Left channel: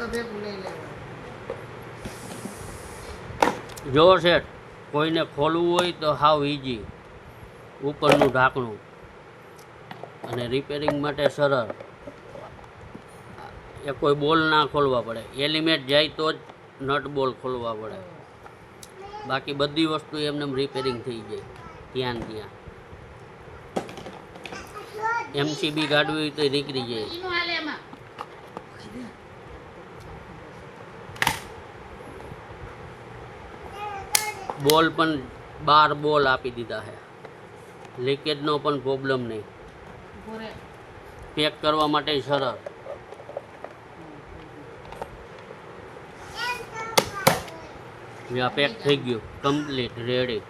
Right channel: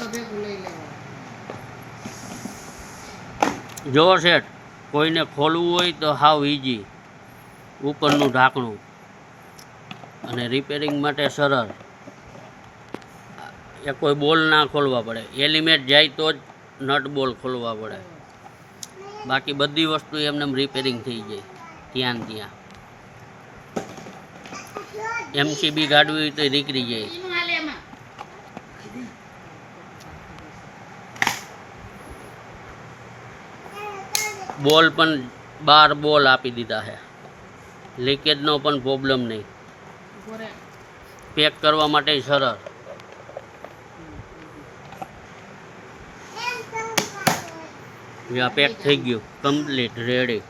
તો ભેગું લઈ લેવાનું જો શેઠ, કોઈને ખોલવું હોય તો હાવ ઈજી ઉપરનું ઢાંકણું. અને રિપેરિંગ માટે સરળ. એ કોઈ બોલ ના ખોલવા પડે. એલિમેટ જાય તો જ નટ બોલ ખોલવા પડે. બાકી બધી વસ્તુ એમને રિપેરિંગ થઈ જાય. ત્યાં ત્યાં. એમસીબી હોય તો નીકળી જાય. બોલ પણ બાર બોલ આપી દીધા છે. લીકેજનો પણ પ્રોબ્લેમ નહીં. પેક કરવા માટે સરળ. યા પેક થઈ ગયું. Complete ready